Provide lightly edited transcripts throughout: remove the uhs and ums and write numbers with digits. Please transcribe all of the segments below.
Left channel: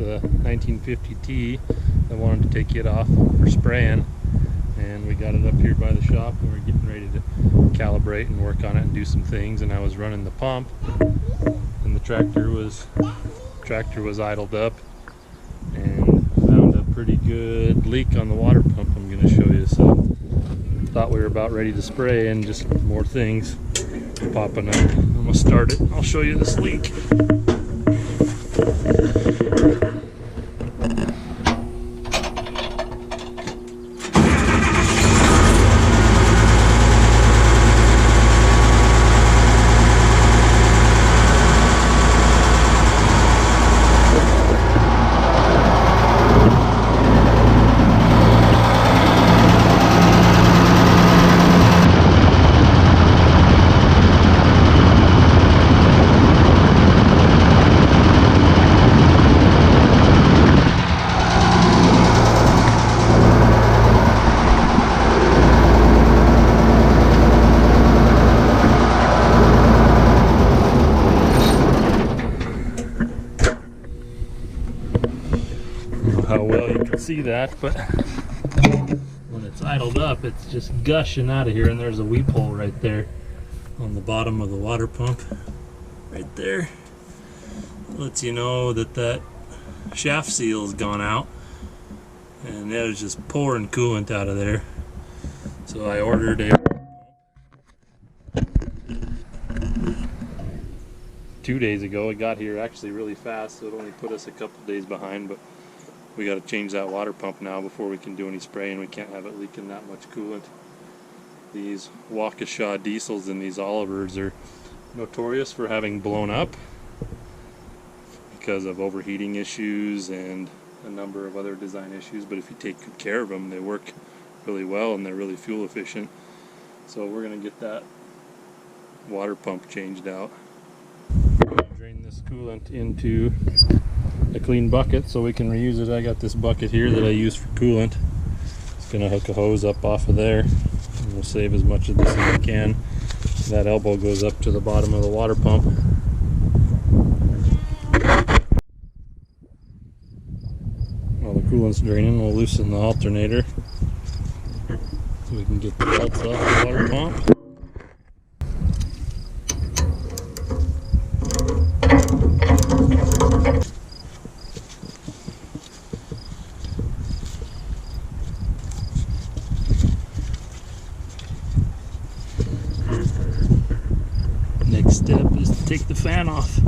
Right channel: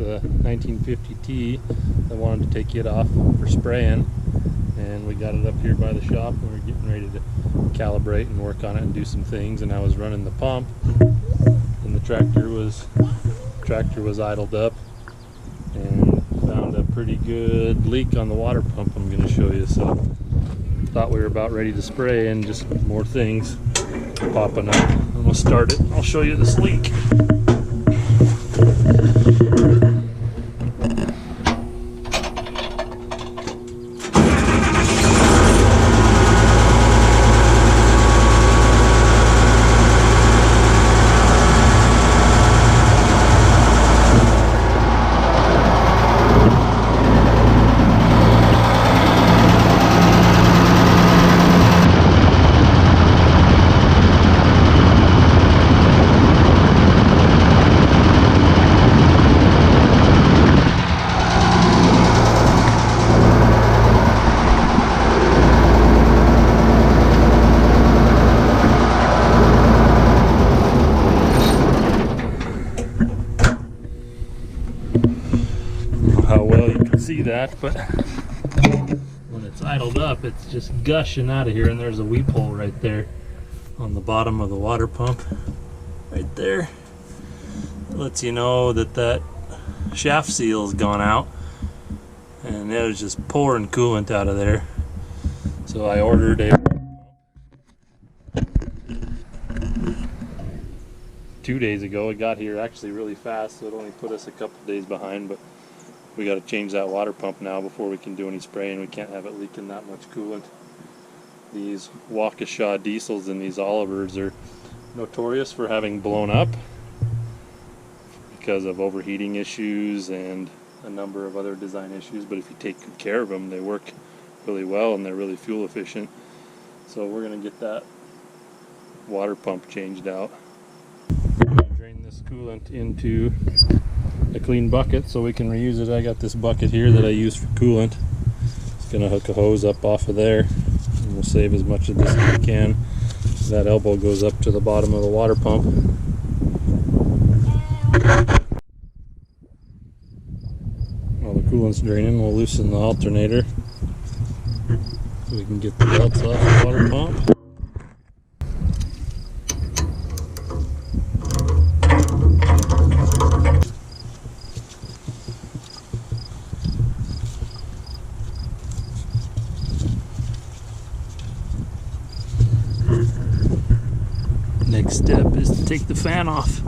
the 1950T. I wanted to take it off for spraying, and we got it up here by the shop and we're getting ready to calibrate and work on it and do some things. And I was running the pump and the tractor was idled up and found a pretty good leak on the water pump I'm going to show you. So thought we were about ready to spray and just more things popping up. I'm going to start it and I'll show you this leak. How well you can see that, but when it's idled up, it's just gushing out of here. And there's a weep hole right there on the bottom of the water pump right there. It lets you know that that shaft seal's gone out, and it was just pouring coolant out of there. So I ordered a 2 days ago. It got here actually really fast, so it only put us a couple days behind, but we got to change that water pump now before we can do any spraying. We can't have it leaking that much coolant. These Waukesha diesels and these Olivers are notorious for having blown up because of overheating issues and a number of other design issues, but if you take good care of them, they work really well and they're really fuel efficient. So we're going to get that water pump changed out. Drain this coolant into a clean bucket so we can reuse it. I got this bucket here that I use for coolant. It's gonna hook a hose up off of there, and we'll save as much of this as we can. That elbow goes up to the bottom of the water pump. While the coolant's draining, we'll loosen the alternator so we can get the belts off the water pump. Next step is to take the fan off.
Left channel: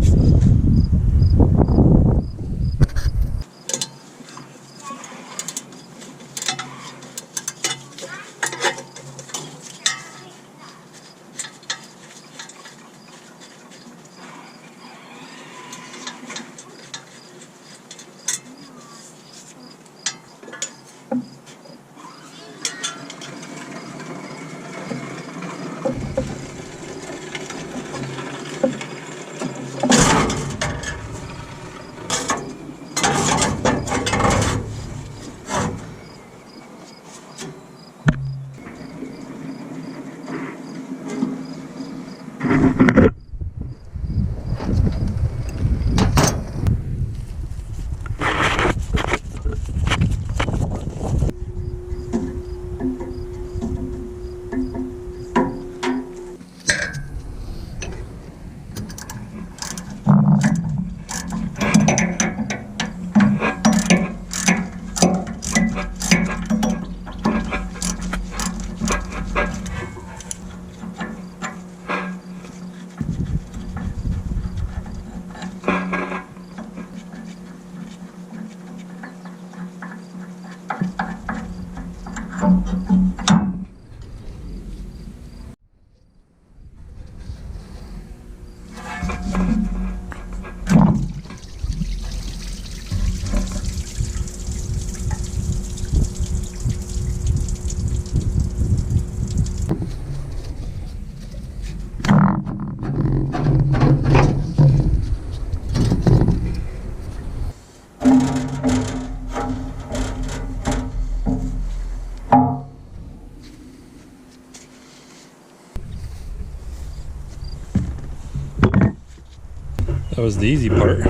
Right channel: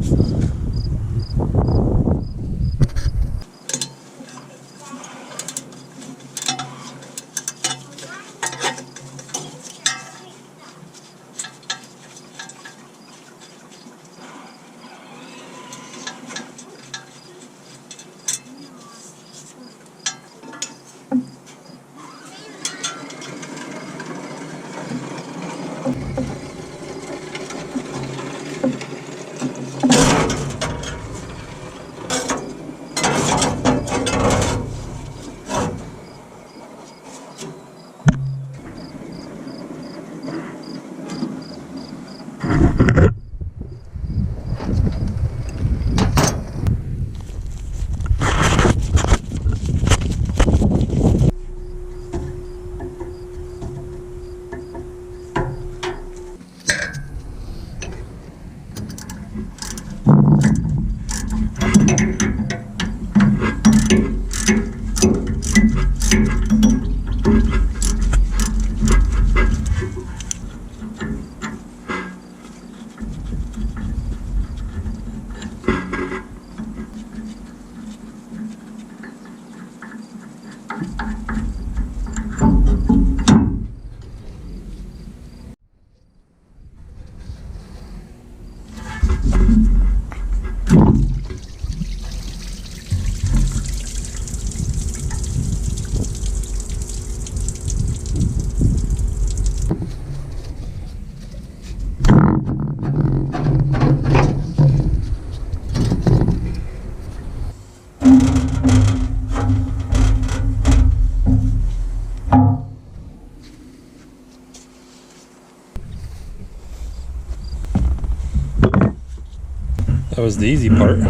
That was the easy part.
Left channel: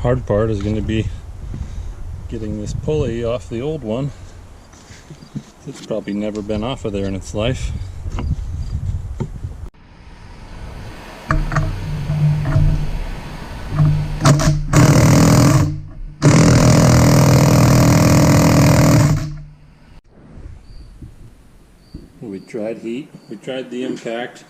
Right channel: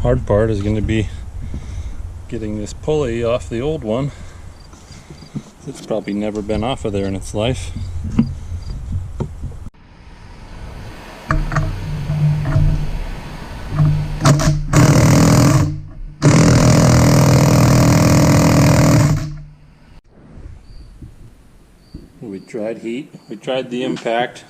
Hard part is going to be getting this pulley off the old one. It's probably never been off of there in its life. We tried heat, we tried the impact.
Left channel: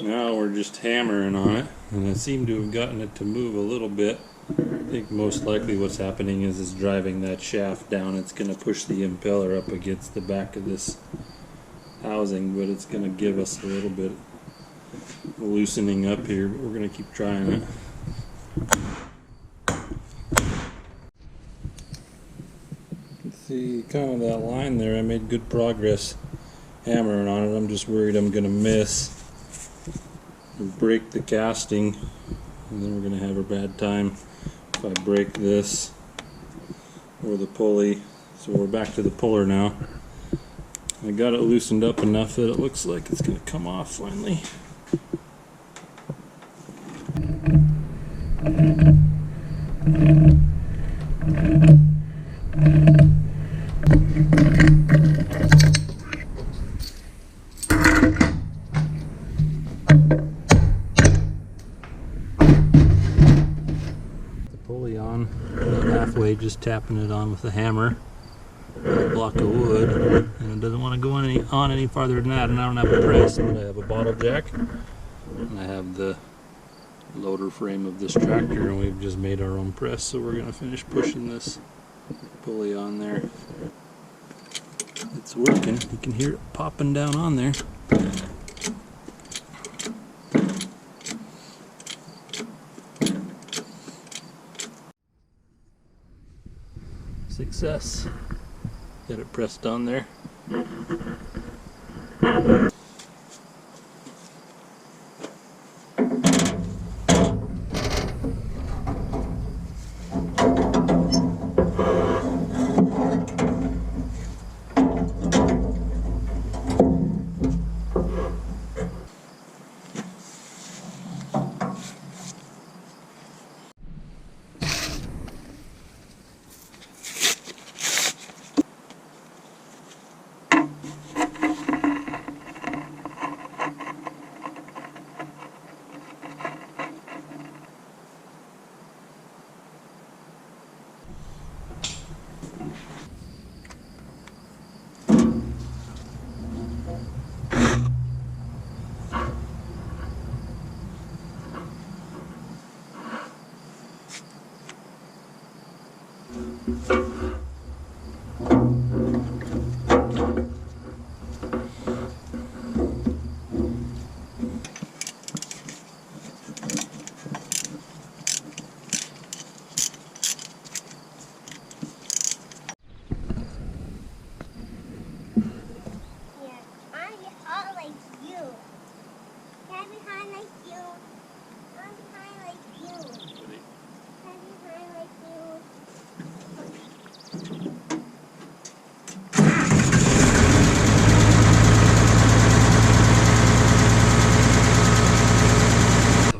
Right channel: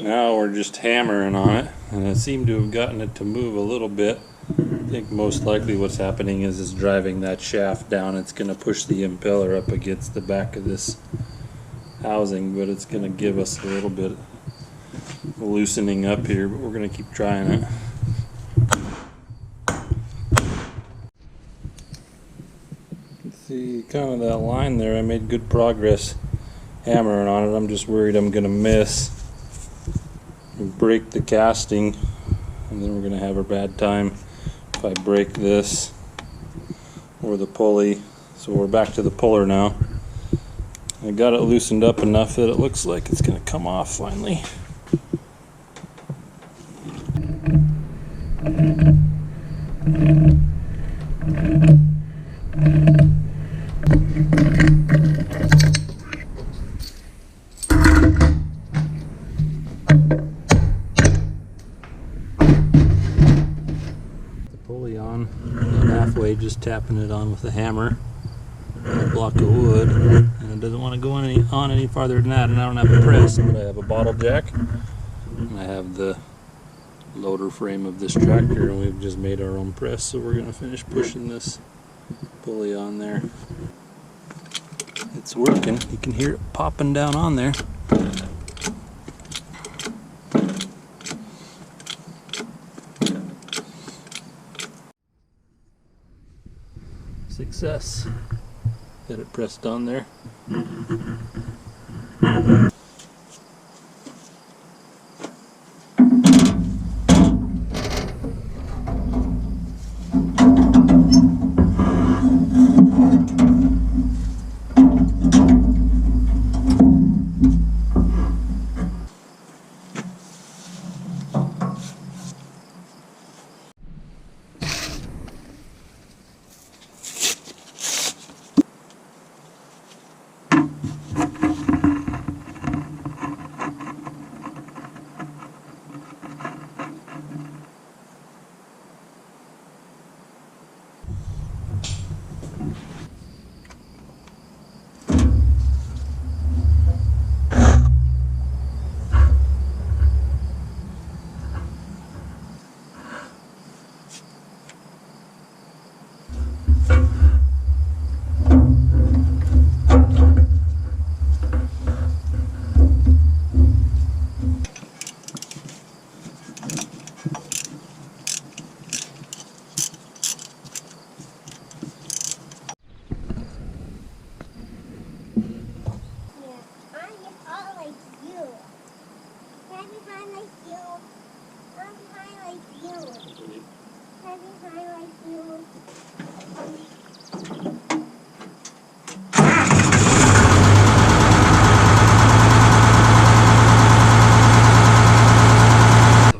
Now we're just hammering on it, and it seemed to have gotten it to move a little bit. I think most likely what's happening is it's driving that shaft down. It's going to push the impeller up against the back of this housing, but it's going to give us a little bit of loosening up here, but we're going to keep trying it. See kind of that line there, I made good progress hammering on it. I'm just worried I'm going to miss and break the casting, and then we're going to have a bad time if I break this or the pulley. So we're back to the puller now. I got it loosened up enough that it looks like it's going to come off finally. Pulley on about halfway, just tapping it on with a hammer and a block of wood, and it doesn't want to go on any farther than that. And I don't have a press, but I have a bottle jack and I have the loader frame of this tractor, and we've just made our own press. So we're going to finish pushing this pulley on there. It's working. You can hear it popping down on there. Success. Got it pressed on there.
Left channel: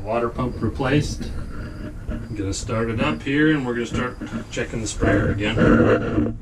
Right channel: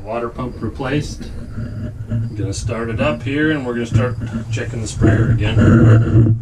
Water pump replaced. I'm gonna start it up here, and we're gonna start checking the sprayer again.